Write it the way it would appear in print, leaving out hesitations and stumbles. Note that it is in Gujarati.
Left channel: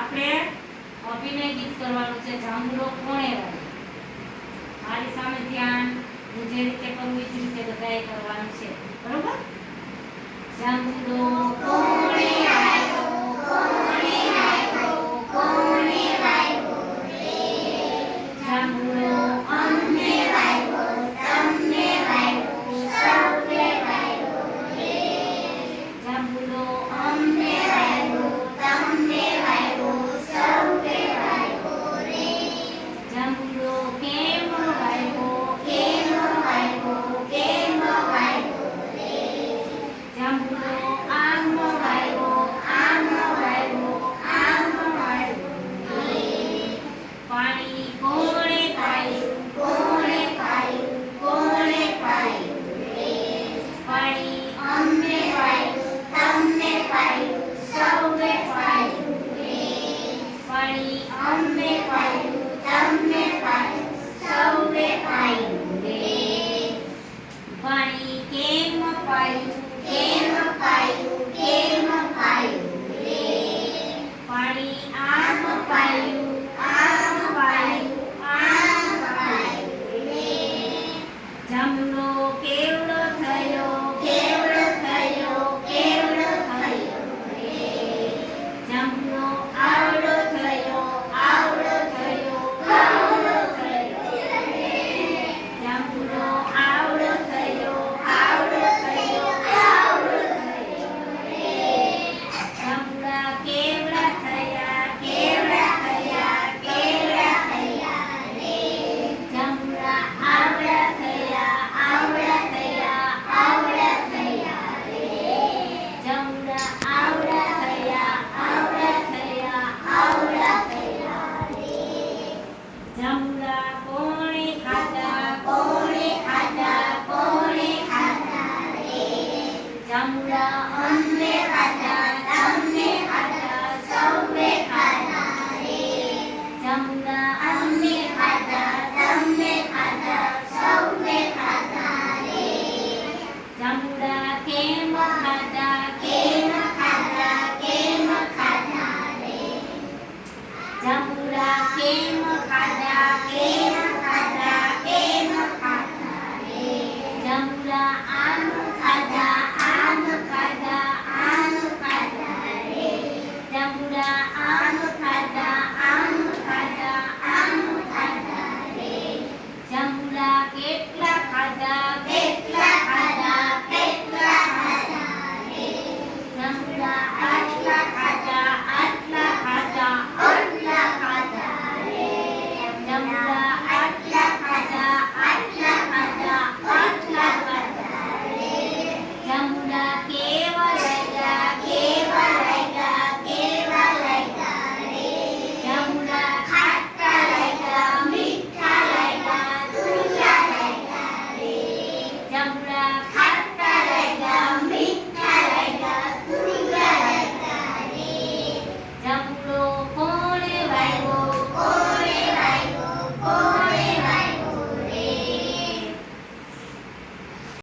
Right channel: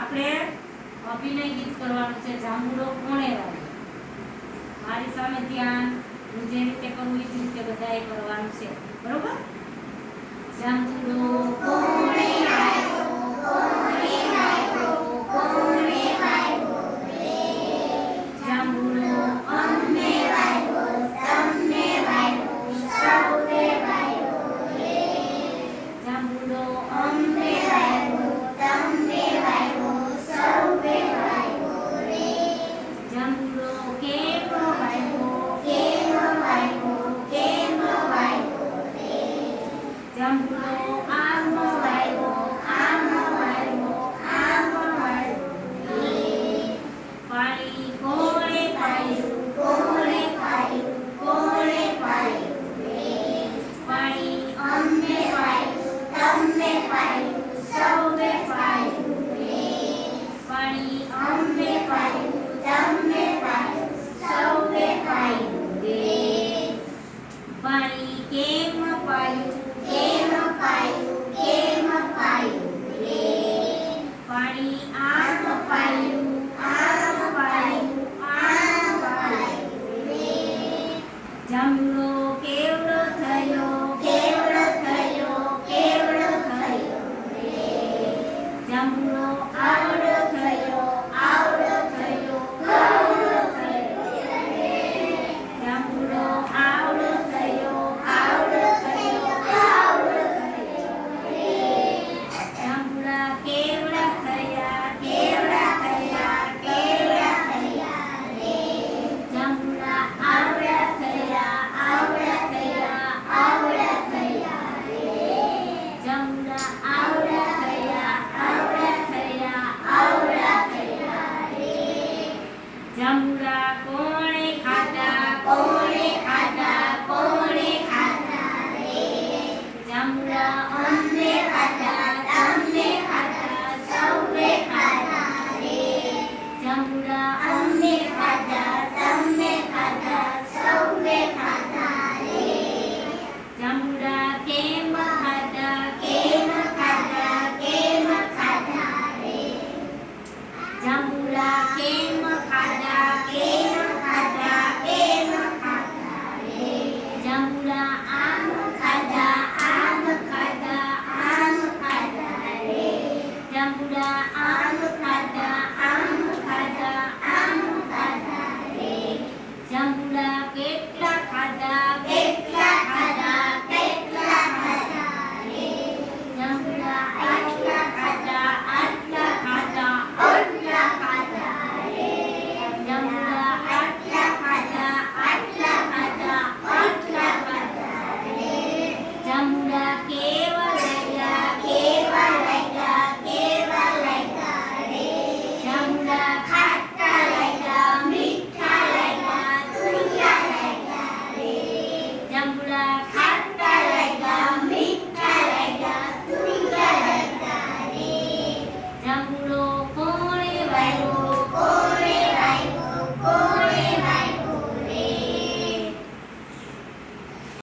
આપણે અભિનય ગીત કરવાનું છે જાંબુડો કોણે વાવ્યો. મારી સામે ધ્યાન, હું જે રીતે કરું એ જ રીતે બધાએ કરવાનું છે. બરોબર? જાંબુડો કોણે વાવ્યો, કોણે વાવ્યો, કોણે વાવ્યો રે. જાંબુડો અમને વાવ્યો, તમને વાવ્યો, સૌએ વાવ્યો રે. જાંબુડો અમને વાવ્યો, તમને વાવ્યો, સૌએ વાવ્યો રે. જાંબુડો કેમ વાવ્યો, કેમ વાવ્યો, કેમ વાવ્યો રે. જાંબુડો આમ વાવ્યો, આમ વાવ્યો, આમ વાવ્યો રે. પાણી કોણે પાયું, કોણે પાયું, કોણે પાયું રે. પાણી અમને પાયું, તમને પાયું, સૌએ પાયું રે. પાણી અમને પાયું, તમને પાયું, સૌએ પાયું રે. પાણી કેમ પાયું, કેમ પાયું, કેમ પાયું રે. પાણી આમ પાયું, આમ પાયું, આમ પાયું રે. જાંબુડો કેવડો થયો, કેવડો થયો, કેવડો થયો રે. જાંબુડો આવડો થયો, આવડો થયો, આવડો થયો રે. જાંબુડો આવડો થયો, આવડો થયો, આવડો થયો રે. જાંબુડા કેવડા થયા, કેવડા થયા, કેવડા થયા રે. જાંબુડા આવડા થયા, આવડા થયા, આવડા થયા રે. જાંબુડા આવડા થયા, આવડા થયા, આવડા થયા રે. જાંબુડા કોણે ખાધા, કોણે ખાધા, કોણે ખાધા રે. જાંબુડા અમને ખાધા, તમને ખાધા, સૌએ ખાધા રે. જાંબુડા અમને ખાધા, તમને ખાધા, સૌએ ખાધા રે. જાંબુડા કેમ ખાધા, કેમ ખાધા, કેમ ખાધા રે. જાંબુડા કેમ ખાધા, કેમ ખાધા, કેમ ખાધા રે. જાંબુડા આમ ખાધા, આમ ખાધા, આમ ખાધા રે. જાંબુડા